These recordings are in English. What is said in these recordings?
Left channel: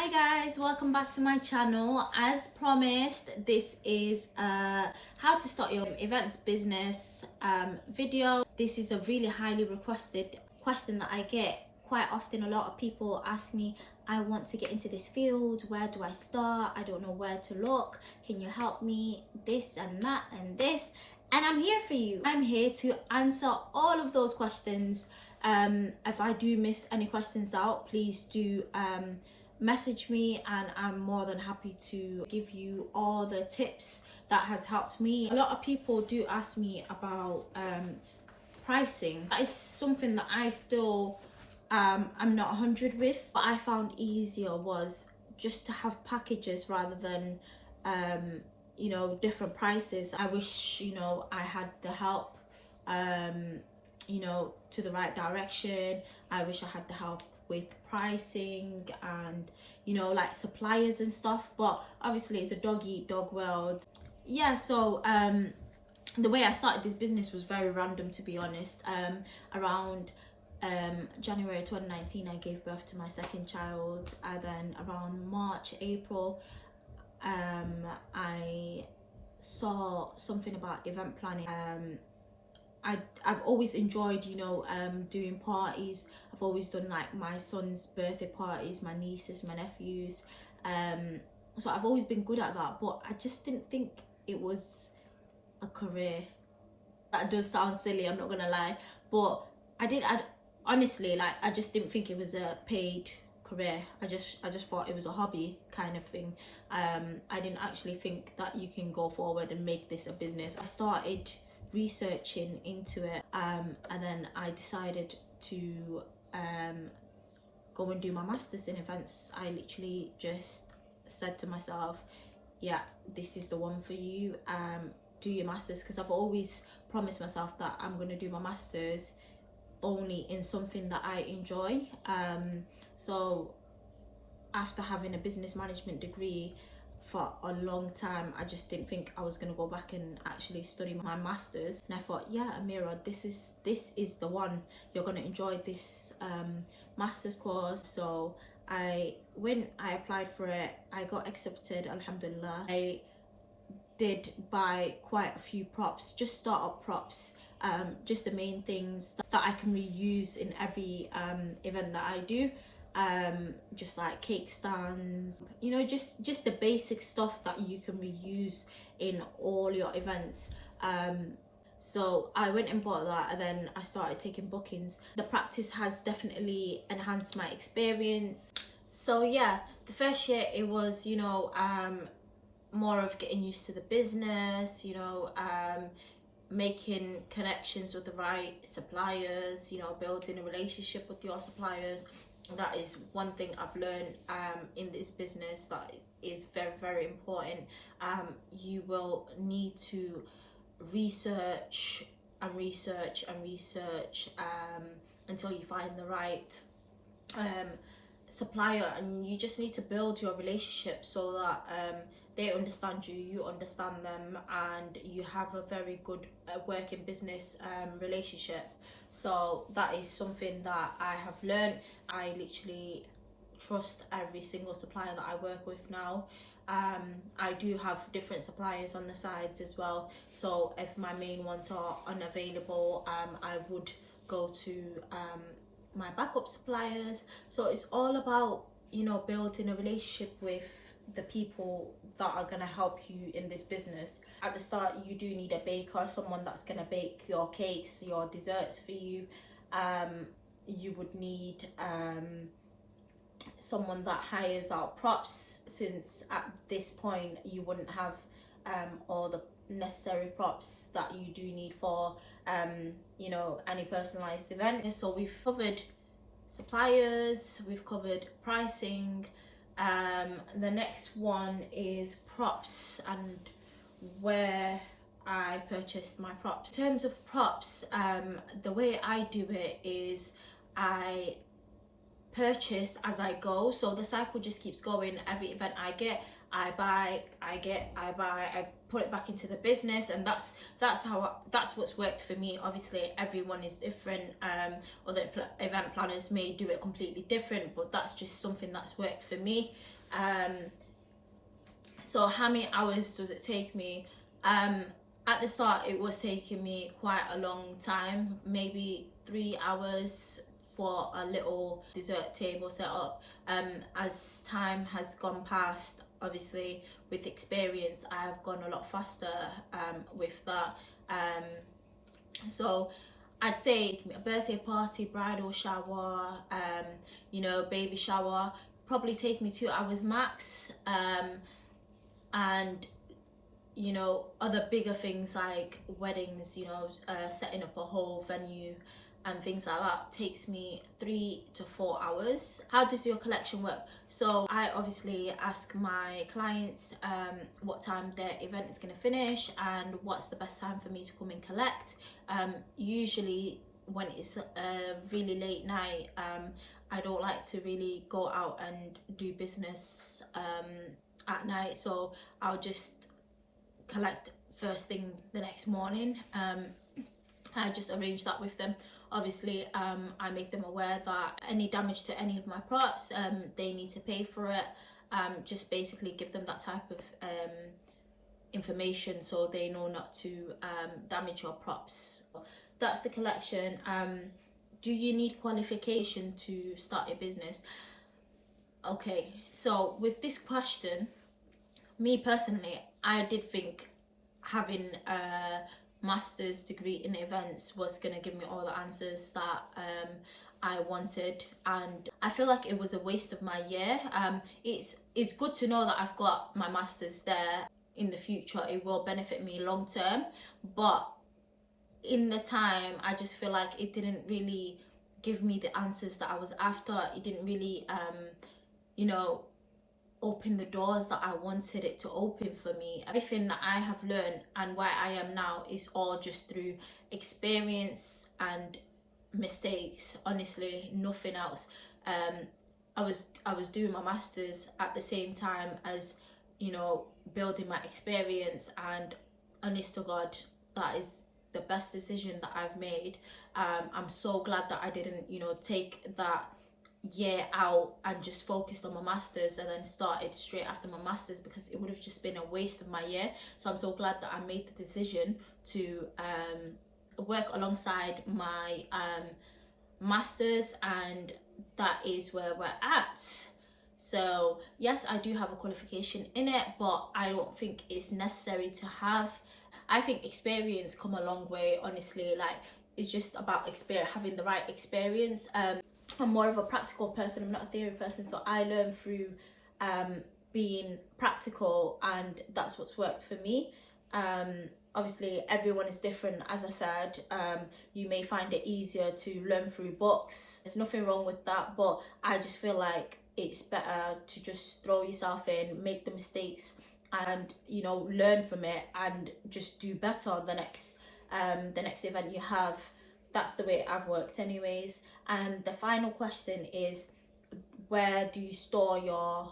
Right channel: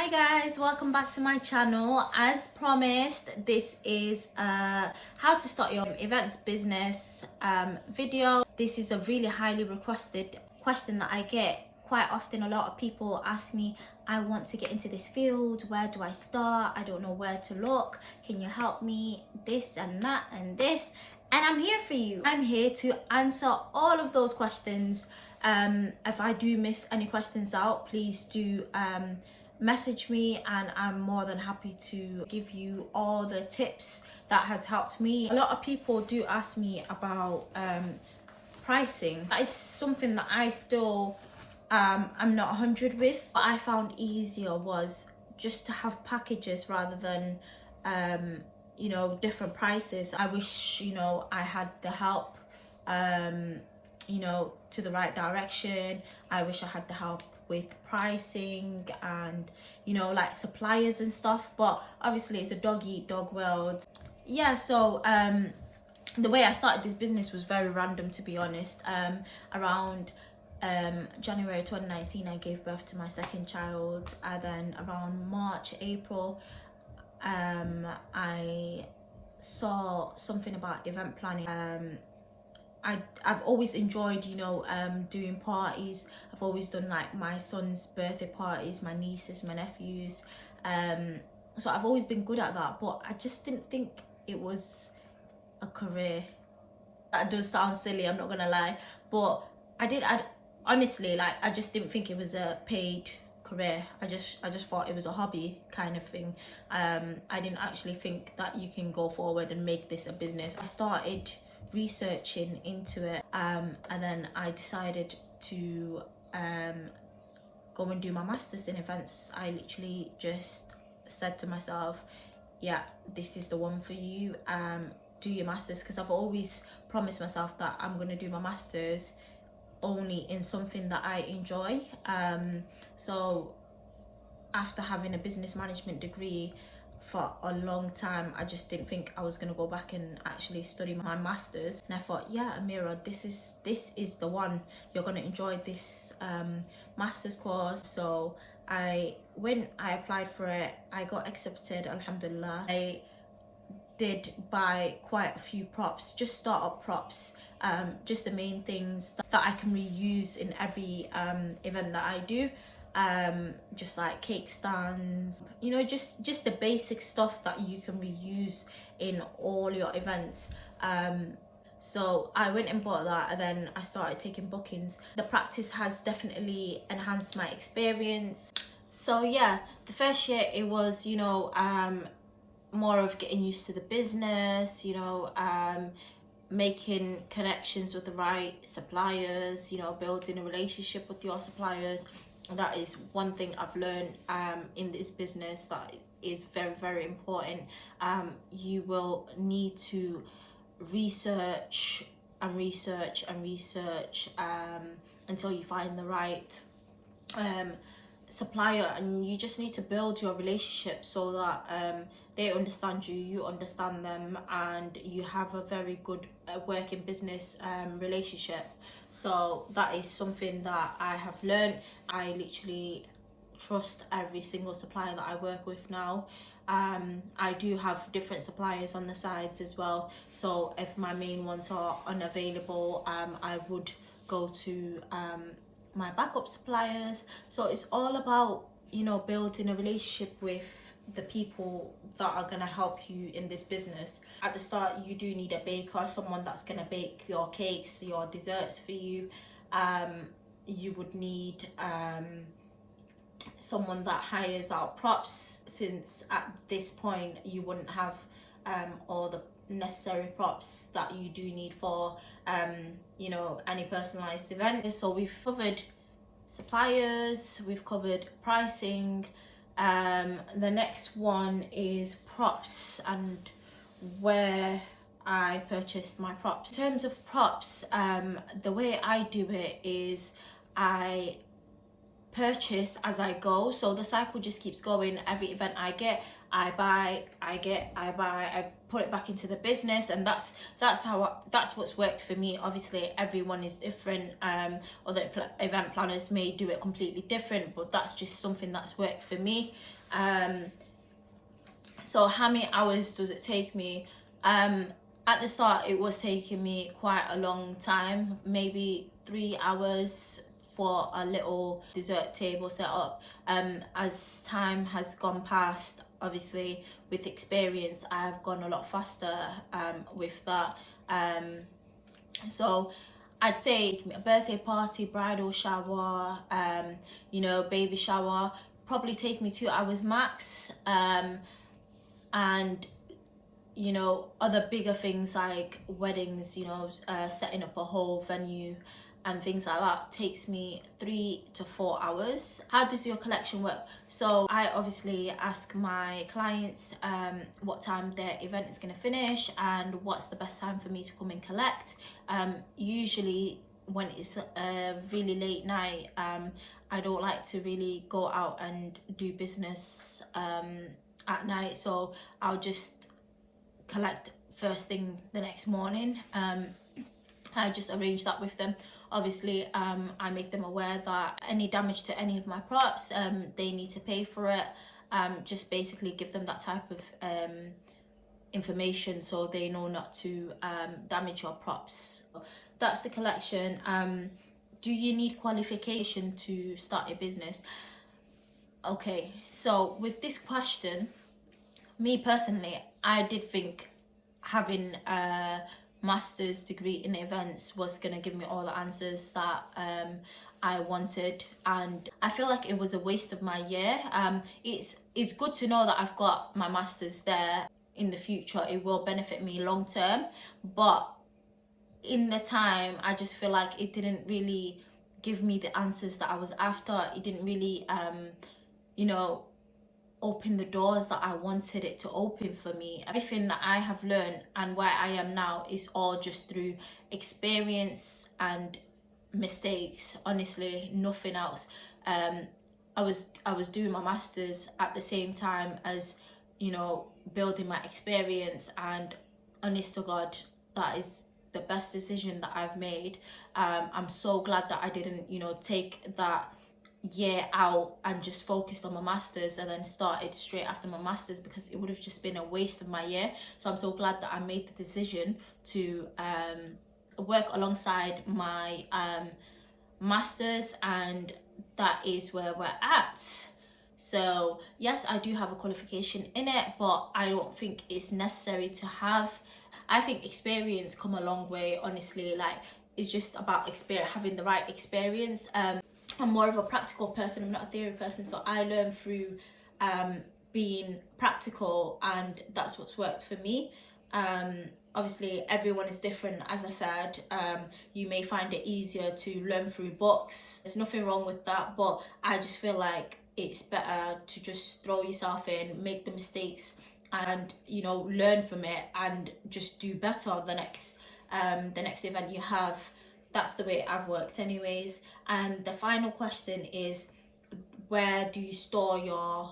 Hi guys, welcome back to my channel. As promised, this is a how to start your events business video. This is a really highly requested question that I get quite often. A lot of people ask me, I want to get into this field, where do I start? I don't know where to look, can you help me? This and that and this, and I'm here for you. I'm here to answer all of those questions. If I do miss any questions out, please do message me, and I'm more than happy to give you all the tips that has helped me. A lot of people do ask me about pricing. That is something that I still I'm not 100 with. What I found easier was just to have packages rather than different prices. I wish I had the help to the right direction. I wish I had the help with pricing and like suppliers and stuff, but obviously it's a dog eat dog world. Yeah, so the way I started this business was very random, to be honest. Around January 2019 I gave birth to my second child, and then around March, April I saw something about event planning. I've always enjoyed doing parties. I've always done like my son's birthday parties, my nieces, my nephews, so I've always been good at that, but I just didn't think it was a career. That does sound silly, I'm not gonna lie, but I honestly, like, I just didn't think it was a paid career. I just thought it was a hobby kind of thing. I didn't actually think that you can go forward and make this a business. I started researching into it, and then I decided to go and do my master's in events. I literally just said to myself, yeah, this is the one for you. Do your master's, because I've always promised myself that I'm going to do my master's only in something that I enjoy. So after having a business management degree for a long time, I just didn't think I was going to go back and actually study my master's, and I thought, yeah, Amira, this is the one. You're going to enjoy this master's course. So I applied for it, I got accepted, alhamdulillah. I did buy quite a few props, just startup props, just the main things that I can reuse in every event that I do. Just like cake stands, just the basic stuff that you can reuse in all your events. So I went and bought that, and then I started taking bookings. The practice has definitely enhanced my experience. So yeah, the first year it was more of getting used to the business, making connections with the right suppliers, building a relationship with your suppliers. That is one thing I've learned in this business that is very, very important. You will need to research and research and research until you find the right supplier, and you just need to build your relationship so that they understand you, you understand them, and you have a very good working business relationship. So that is something that I have learned. I literally trust every single supplier that I work with now. I do have different suppliers on the sides as well, so if my main ones are unavailable, I would go to my backup suppliers. So it's all about building a relationship with the people that are going to help you in this business. At the start, you do need a baker, someone that's going to bake your cakes, your desserts for you. You would need someone that hires out props, since at this point you wouldn't have all the necessary props that you do need for any personalized event. So we've covered suppliers, we've covered pricing. The next one is props and where I purchased my props. In terms of props, the way I do it is I purchase as I go, so the cycle just keeps going. Every event I get, I buy, I put it back into the business, and that's what's worked for me. Obviously everyone is different, other event planners may do it completely different, but that's just something that's worked for me. So how many hours does it take me? At the start it was taking me quite a long time, maybe 3 hours for a little dessert table set up. As time has gone past, obviously with experience I have gone a lot faster with that. So I'd say a birthday party, bridal shower, you know, baby shower, probably take me 2 hours max. And you know, other bigger things like weddings, you know, setting up a whole venue and things like that takes me 3 to 4 hours. How does your collection work? So I obviously ask my clients what time their event is going to finish and what's the best time for me to come and collect. Usually when it's a really late night, I don't like to really go out and do business at night, so I'll just collect first thing the next morning. I just arrange that with them. Obviously I make them aware that any damage to any of my props, they need to pay for it. Just basically give them that type of information so they know not to damage your props. That's the collection. Do you need qualification to start a business? Okay, so with this question, me personally, I did think having a master's degree in events was going to give me all the answers that I wanted, and I feel like it was a waste of my year. It's good to know that I've got my master's there. In the future it will benefit me long term, but in the time I just feel like it didn't really give me the answers that I was after. It didn't really you know, open the doors that I wanted it to open for me. Everything that I have learned and where I am now is all just through experience and mistakes, honestly, nothing else. I was doing my masters at the same time as, you know, building my experience, and honest to God, that is the best decision that I've made. I'm so glad that I didn't, you know, take that year out and just focused on my masters and then started straight after my masters, because it would have just been a waste of my year. So I'm so glad that I made the decision to work alongside my masters, and that is where we're at. So yes, I do have a qualification in it, but I don't think it's necessary to have. I think experience come a long way, honestly. Like, it's just about experience, having the right experience. I'm more of a practical person, I'm not a theory person, so I learn through being practical, and that's what's worked for me. Obviously everyone is different, as I said. You may find it easier to learn through books. There's nothing wrong with that, but I just feel like it's better to just throw yourself in, make the mistakes, and, you know, learn from it and just do better the next event you have. That's the way I've worked anyways. And the final question is, where do you store your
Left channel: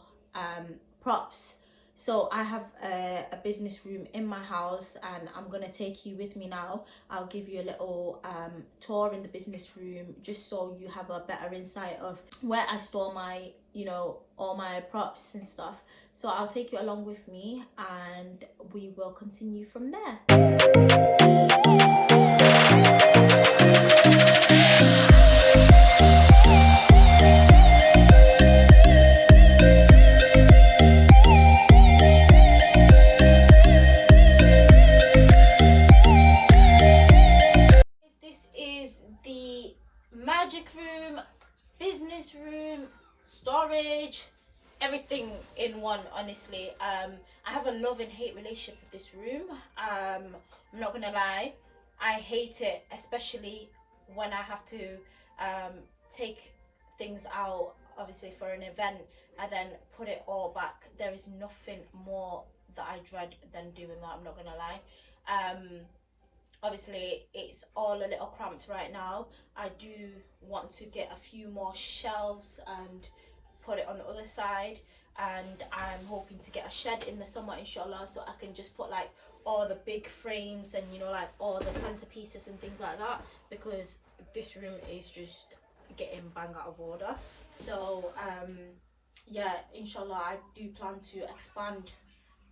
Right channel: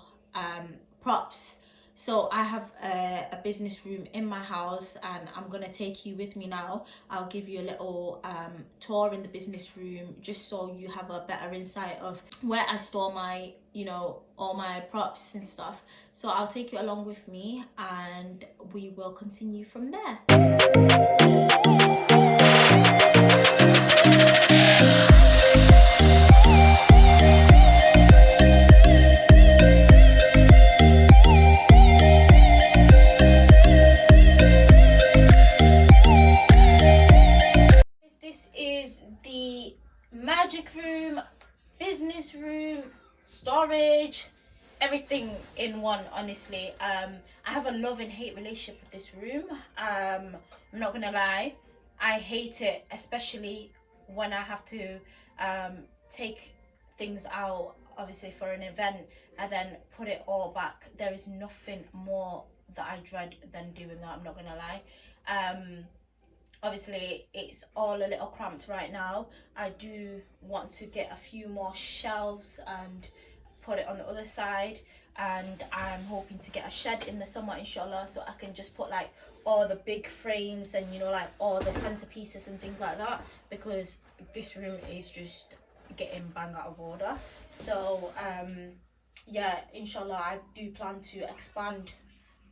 props? So I have a business room in my house, and I'm gonna take you with me now. I'll give you a little tour in the business room, just so you have a better insight of where I store my, you know, all my props and stuff. So I'll take you along with me and we will continue from there. Magic room, business room, storage, everything in one, honestly. I have a love and hate relationship with this room. I'm not gonna lie, I hate it, especially when I have to take things out, obviously for an event, and then put it all back. There is nothing more that I dread than doing that, I'm not gonna lie. obviously it's all a little cramped right now. I do want to get a few more shelves and put it on the other side, and I'm hoping to get a shed in the summer, inshallah, so I can just put like all the big frames and, you know, like all the centerpieces and things like that, because this room is just getting bang out of order. So yeah, inshallah, I do plan to expand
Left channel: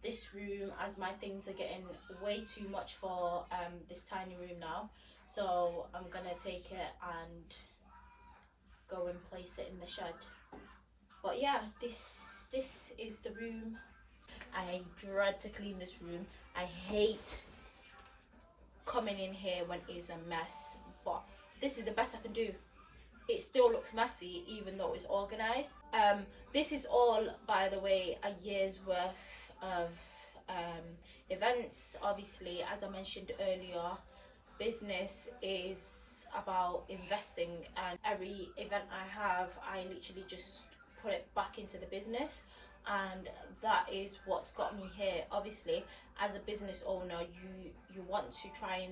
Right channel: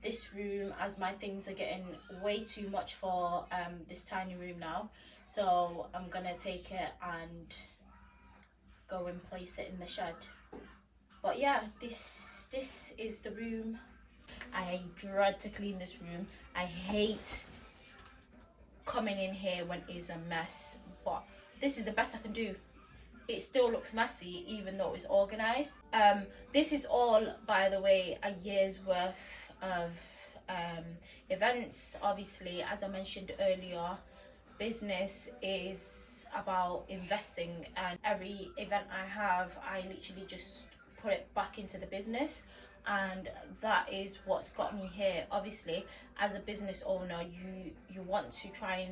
this room as my things are getting way too much for this tiny room now. So I'm gonna take it and go and place it in the shed. But yeah, this is the room. I dread to clean this room. I hate coming in here when it's a mess, but this is the best I can do. It still looks messy even though it's organized. This is all, by the way, a year's worth of events. Obviously, as I mentioned earlier, business is about investing, and every event I have, I literally just put it back into the business, and that is what's got me here. Obviously, as a business owner, you want to try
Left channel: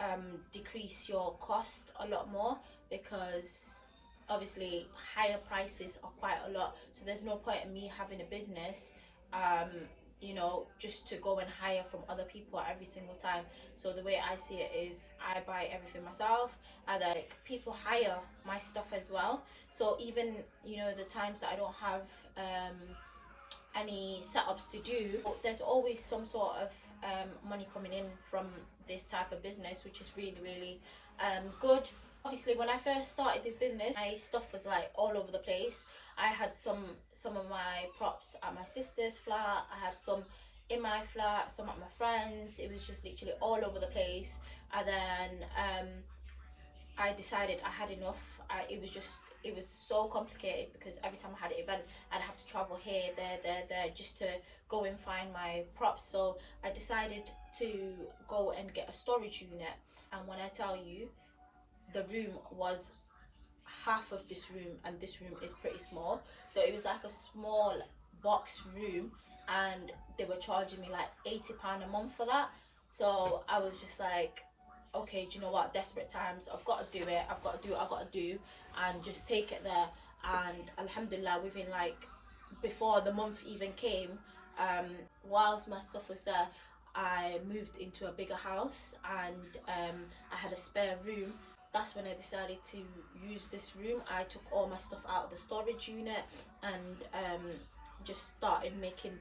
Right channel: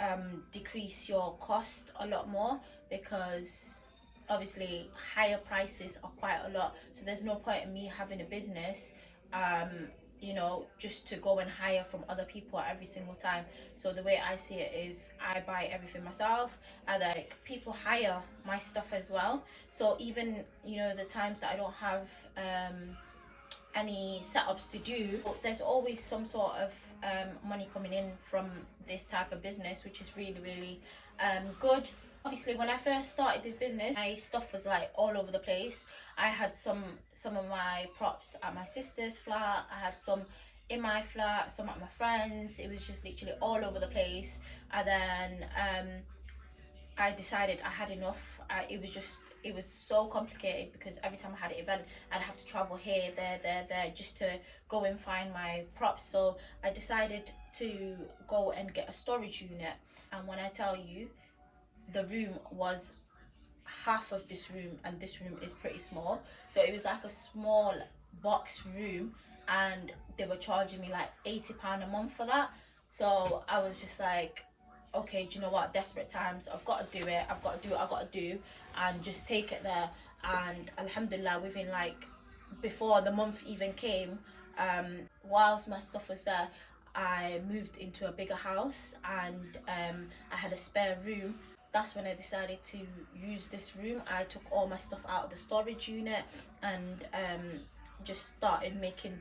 and decrease your cost a lot more, because obviously higher prices are quite a lot, so there's no point in me having a business you know, just to go and hire from other people every single time. So the way I see it is, I buy everything myself, and like people hire my stuff as well. So even, you know, the times that I don't have any setups to do, there's always some sort of money coming in from this type of business, which is really good. Obviously, when I first started this business, my stuff was like all over the place. I had some of my props at my sister's flat, I had some in my flat, some at my friends. It was just literally all over the place. And then I decided I had enough. It was so complicated, because every time I had an event, I'd have to travel here, there, just to go and find my props. So I decided to go and get a storage unit. And when I tell you, the room was half of this room, and this room is pretty small, so it was like a small box room, and they were charging me like £80 a month for that. So I was just like, okay, do you know what, desperate times, I've got to do it, I've got to do what I've got to do, and just take it there. And alhamdulillah, within like, before the month even came, whilst my stuff was there, I moved into a bigger house, and I had a spare room. That's when I decided to use this room. I took all my stuff out of the storage unit, and just started making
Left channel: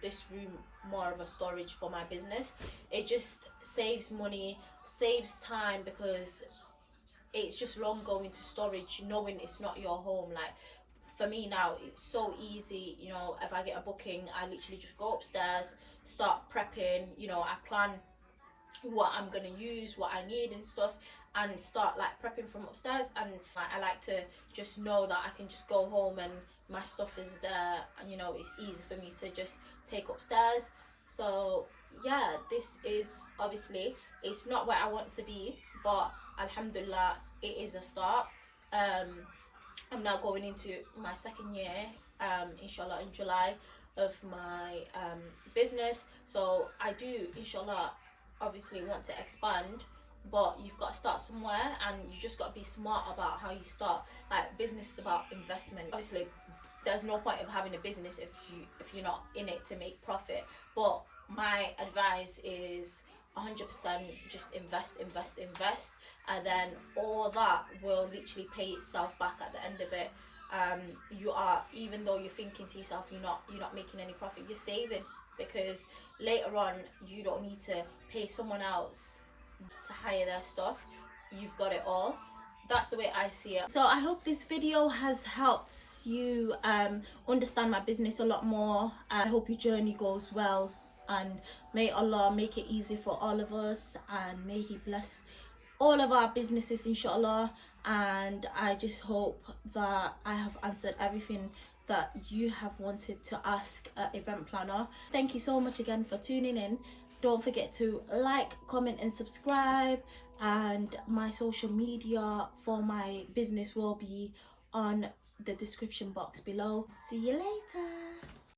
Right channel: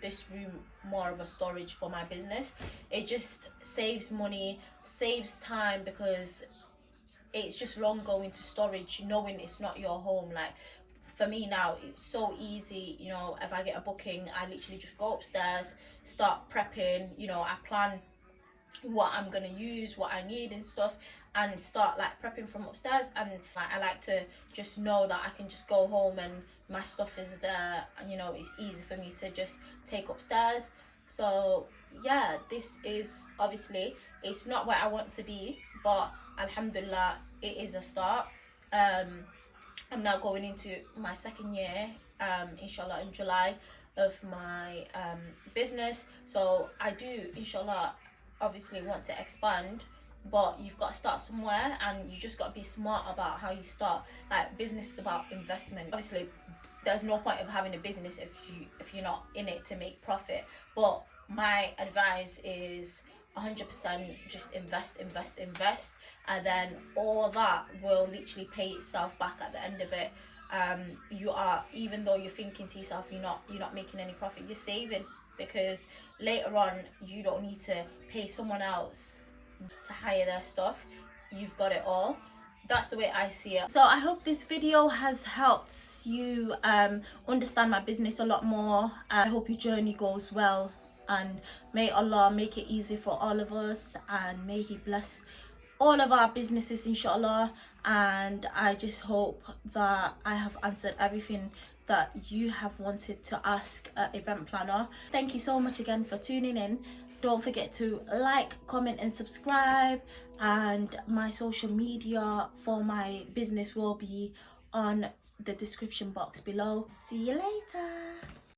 this room more of a storage for my business. It just saves money, saves time, because it's just long going to storage knowing it's not your home. Like, for me now, it's so easy, you know, if I get a booking, I literally just go upstairs, start prepping, you know, I plan what I'm gonna use, what I need and stuff, and start like prepping from upstairs. And like, I like to just know that I can just go home and my stuff is there, and you know, it's easy for me to just take upstairs. So yeah, this is, obviously it's not where I want to be, but alhamdulillah, it is a start. I'm now going into my second year, inshallah, in July, of my business. So I do, inshallah, obviously want to expand, but you've got to start somewhere, and you just got to be smart about how you start. Like, business is about investment. Obviously, there's no point of having a business if you're not in it to make profit. But my advice is 100% just invest, and then all that will literally pay itself back at the end of it. You are, even though you're thinking to yourself you're not making any profit, you're saving, because later on you don't need to pay someone else to hire their stuff. You've got it all. That's the way I see it. So I hope this video has helped you understand my business a lot more. I hope your journey goes well, and may Allah make it easy for all of us, and may He bless all of our businesses, inshallah. And I just hope that I have answered everything that you have wanted to ask an event planner. Thank you so much again for tuning in. Don't forget to like, comment and subscribe, and my social media for my business will be on the description box below. See you later.